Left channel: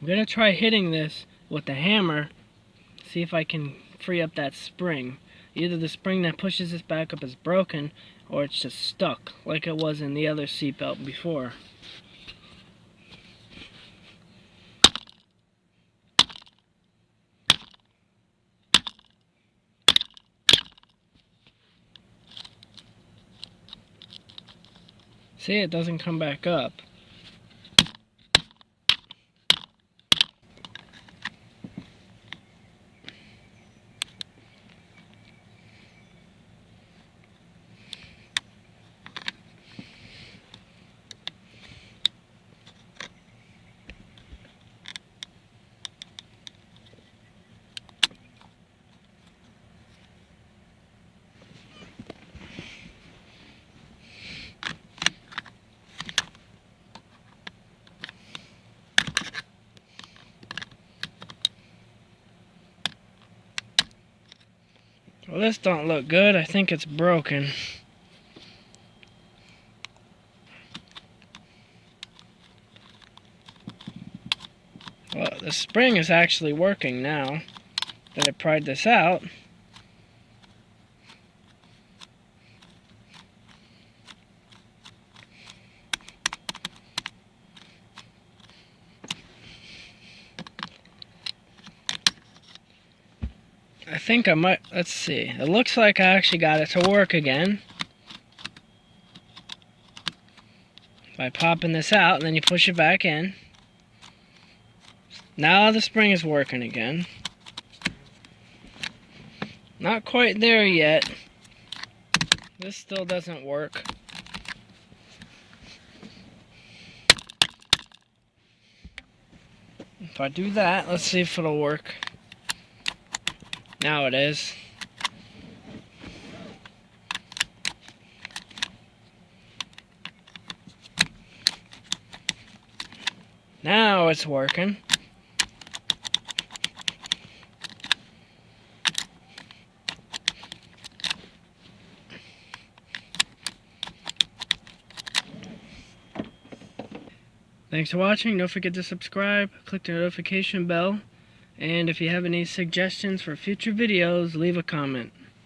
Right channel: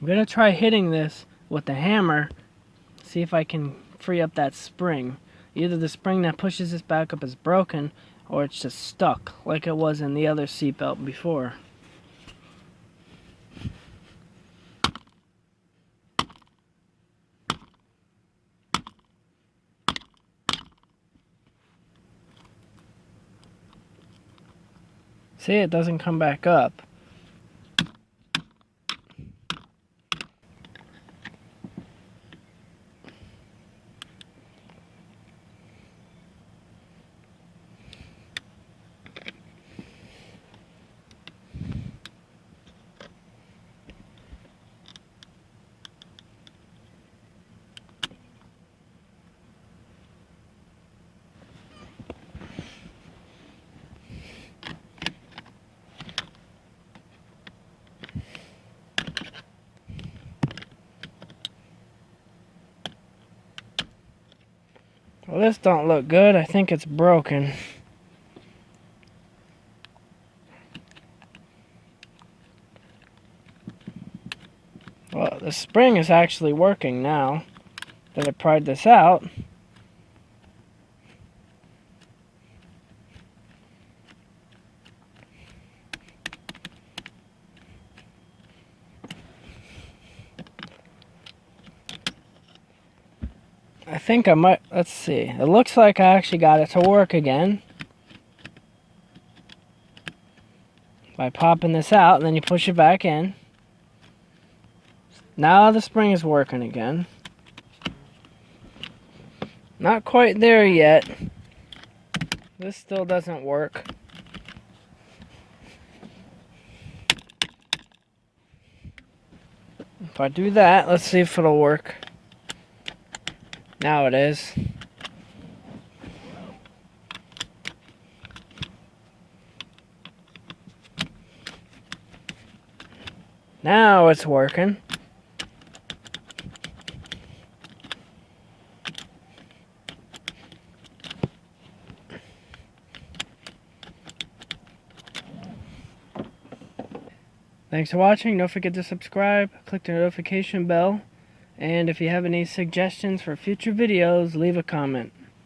I'm gonna try hitting this with the hammer, see if I can free up that spring. Either the spring that pushes this back up is broken, or it's just stuck, like it was in the other seatbelt before. See, it doesn't come back up. Well, this don't look good. I think it's broken. Well, the spring is actually working now that I pried this out. I think I might, let's see. It looks like I actually got it to work again. By popping this out, and then you push it back in. Now the spring is working again. Not quite there yet. This still doesn't work. If I do that, let's see if it'll work. Now it is. Now it's working. Thanks for watching. Don't forget to subscribe, click the notification bell, and if you have any suggestions for future videos, leave a comment.